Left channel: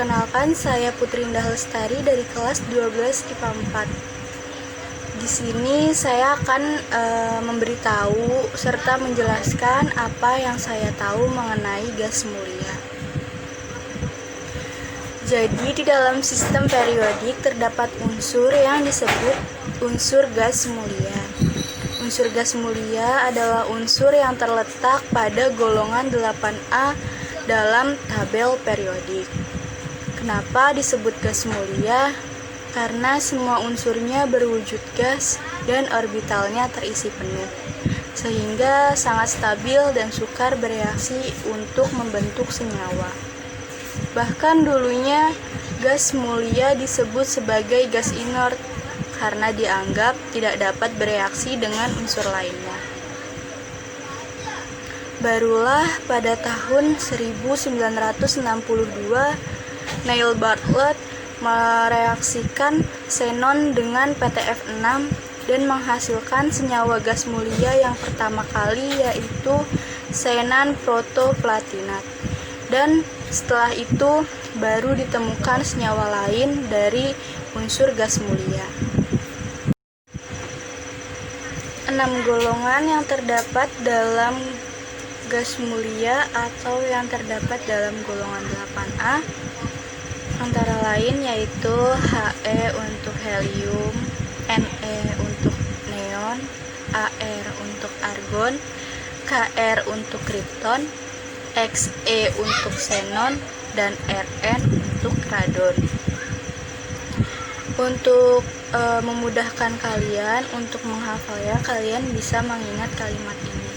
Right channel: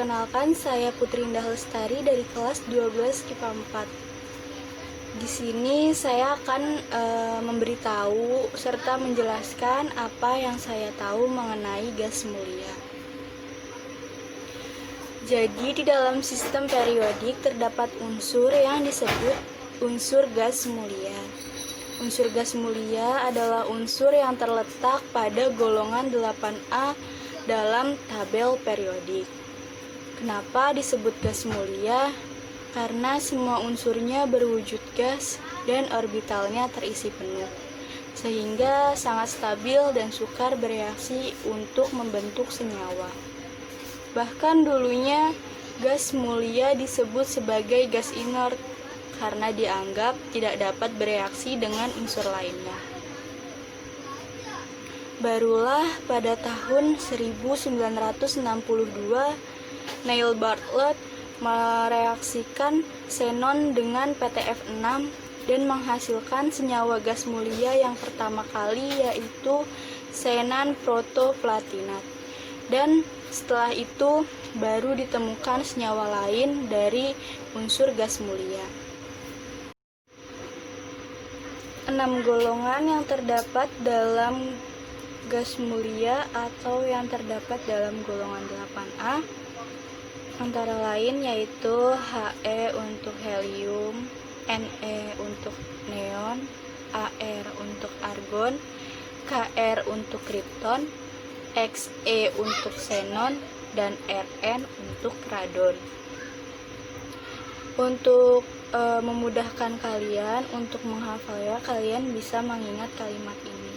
Perkenalkan, saya Putri Indah Lestari dari kelas 12 IPA 4. Di sini saya akan memberitahu serta menjelaskan apa yang saya tahu mengenai gas mulia. Jadi di dalam sistem periodik terdapat unsur yang disebut unsur gas mulia. Unsur gas mulia adalah unsur yang terletak pada golongan 8A dalam tabel periodik. Kenapa disebut gas mulia? Karena semua unsurnya berwujud gas dan orbitalnya terisi penuh, sehingga sangat stabil dan sukar bereaksi untuk membentuk senyawa. Bahkan dulunya gas mulia disebut sebagai gas inert karena dianggap tidak dapat bereaksi dengan unsur lainnya. Barulah pada tahun 1962 Neil Bartlett mereaksikan xenon dengan PTF6 dan menghasilkan senyawa gas mulia yang pertama kali, yaitu xenan protoplatinat. Dan setelah itu baru ditemukan senyawa lain dari unsur gas mulia. 6 golongan yang terdapat dalam gas mulia atau yang terdapat dalam golongan 8A antara lain yaitu He untuk helium, Ne untuk neon, Ar untuk argon, Kr untuk krypton, Xe untuk xenon, dan Rn untuk radon. Untuk memudahkan kalian untuk menghafalnya, kalian bisa mengingat kalimat ini.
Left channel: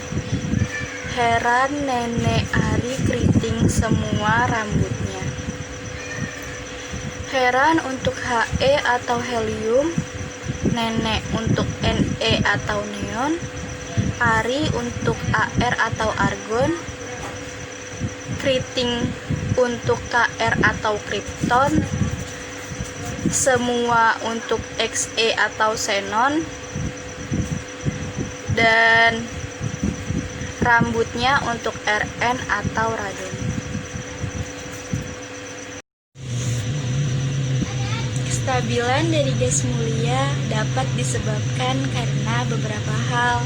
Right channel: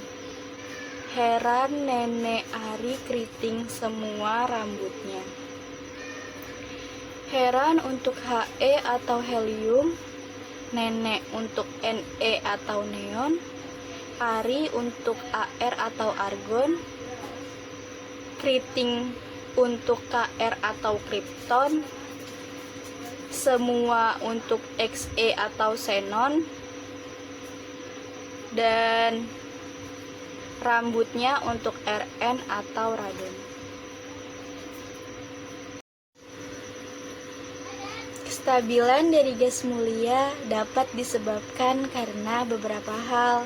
Heran nenek Ari keriting semua rambutnya. Heran untuk He atau helium, nenek untuk Ne atau neon, Ari untuk Ar atau argon, keriting untuk Kr atau krypton, semua untuk Xe atau xenon, dan rambutnya untuk Rn atau radon. Kestabilan dari gas mulia dapat disebabkan karena beberapa hal,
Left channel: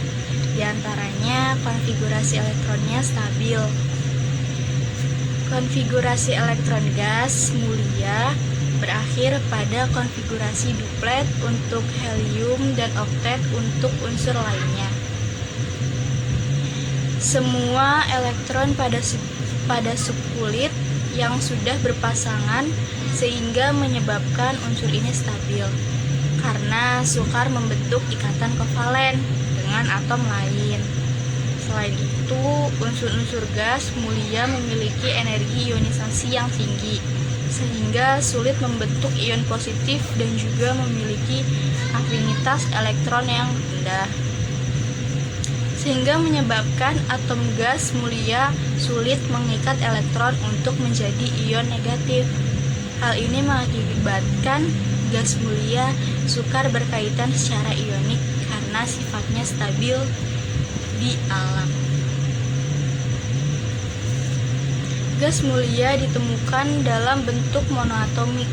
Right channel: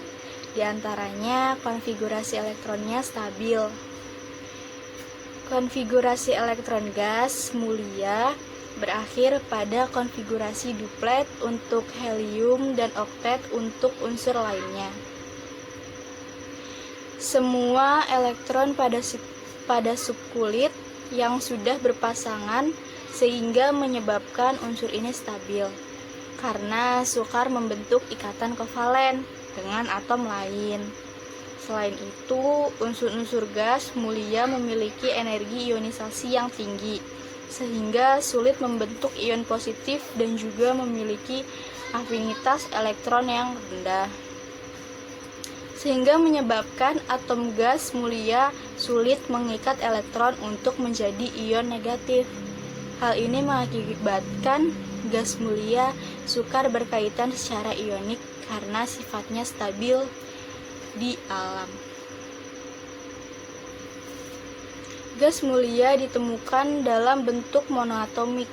diantaranya konfigurasi elektronnya stabil. Konfigurasi elektron gas mulia berakhir pada konfigurasi duplet untuk helium dan oktet untuk unsur lainnya. Semua elektron pada subkulit yang sudah berpasangan sehingga menyebabkan unsur ini stabil karena sukar membentuk ikatan kovalen dengan atom lain. Selain itu, unsur-unsur gas mulia memiliki energi ionisasi yang tinggi sehingga sulit membentuk ion positif dan juga memiliki afinitas elektron yang rendah, sehingga menyebabkan atom gas mulia sulit mengikat elektron untuk menjadi ion negatif. Hal ini mengakibatkan gas mulia sukar berkaitan secara ionik karena sifatnya stabil di alam. Gas mulia ditemukan dalam bentuk monoatomik.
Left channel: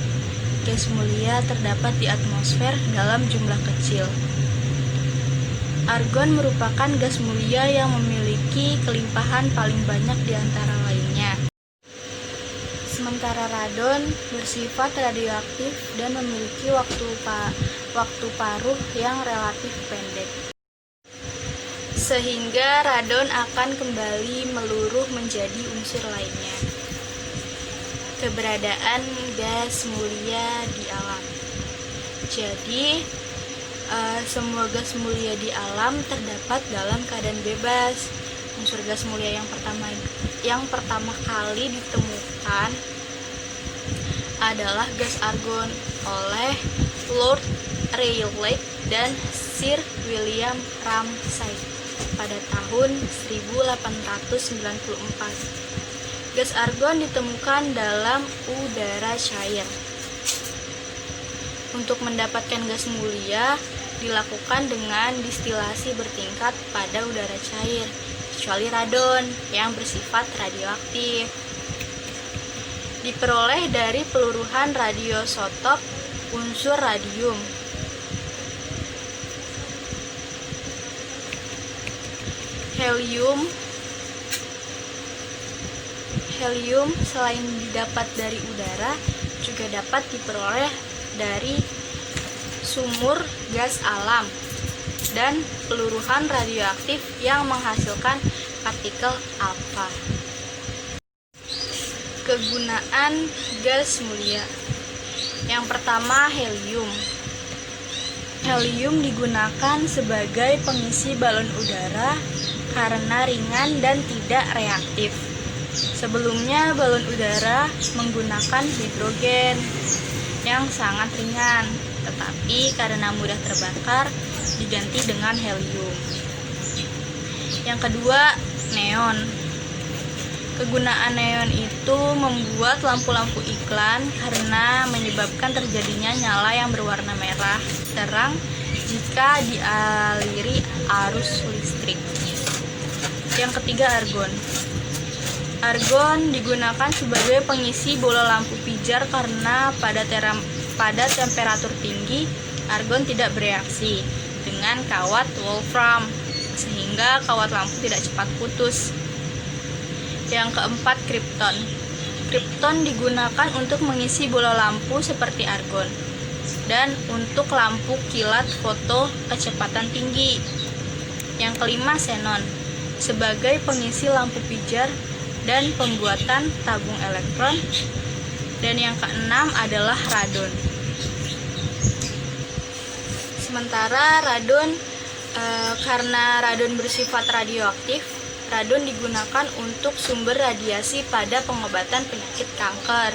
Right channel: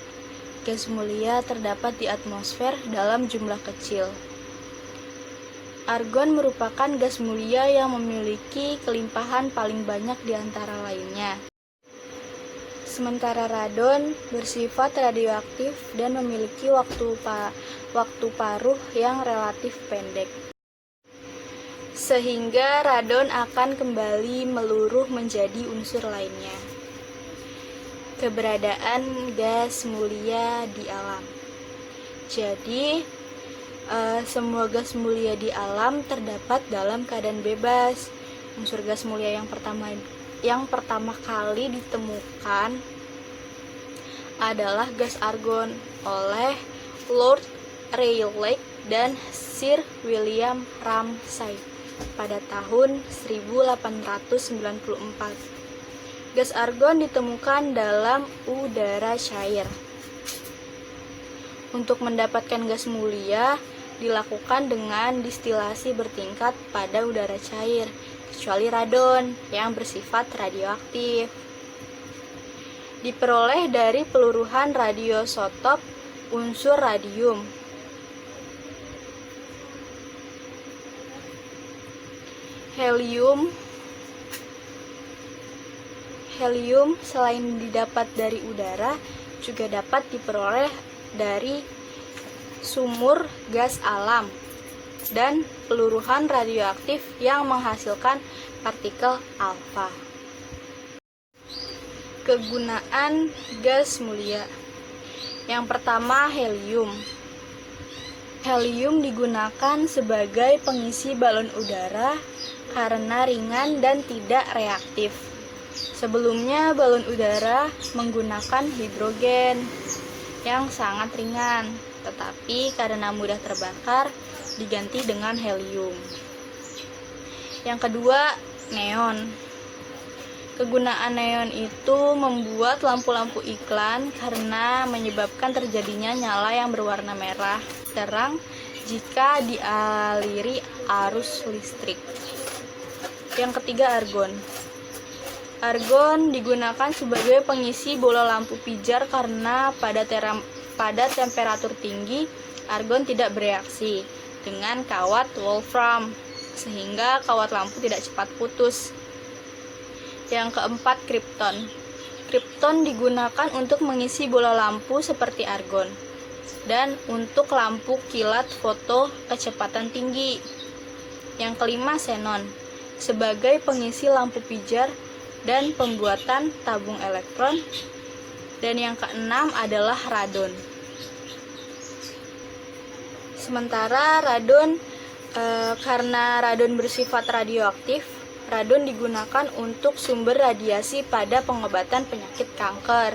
Gas mulia terdapat di atmosfer dalam jumlah kecil. Argon merupakan gas mulia yang memiliki kelimpahan paling banyak di antara lainnya. Sementara radon bersifat radioaktif dan memiliki waktu paruh yang relatif pendek, sehingga radon akan kembali meluruh menjadi unsur lainnya. Keberadaan gas mulia di alam. Jadi, semua gas mulia di alam terdapat dalam keadaan bebas. Unsur gas mulia yang pertama kali ditemukan adalah gas argon oleh Lord Rayleigh dan Sir William Ramsay pada tahun 1894. Gas argon ditemukan dalam udara cair. Untuk mendapatkan gas mulia dilakukan dengan distilasi bertingkat pada udara cair, kecuali radon yang bersifat radioaktif. Di diperoleh dari peluruhan radioisotop unsur radium. Helium selain didapat dari udara juga dapat diperoleh dari sumur gas alam dan peluruhan radioaktif yang menghasilkan partikel alfa. Kegunaan gas mulia. Yang pertama, helium. Helium digunakan sebagai pengisi balon udara karena ringan dan tidak reaktif. Sebelumnya balon udara menggunakan hidrogen yang sangat ringan, tetapi karena mudah terbakar diganti dengan helium. Yang kedua, neon. Kegunaan neon itu membuat lampu-lampu iklan karena menyebabkan terjadinya nyala yang berwarna merah terang jika dialiri arus listrik. Yang ketiga, argon. Argon digunakan sebagai pengisi bola lampu pijar karena pada temperatur tinggi argon tidak bereaksi dengan kawat wolfram sehingga kawat lampu tidak cepat putus. Yang keempat, kripton. Kripton digunakan untuk mengisi bola lampu seperti argon dan untuk lampu kilat foto kecepatan tinggi. Yang kelima, xenon. Sebagai pengisi lampu pijar dan pembuatan tabung elektron. Dan yang keenam adalah radon. Sementara radon, karena radon bersifat radioaktif, radon digunakan untuk sumber radiasi pada pengobatan penyakit kanker.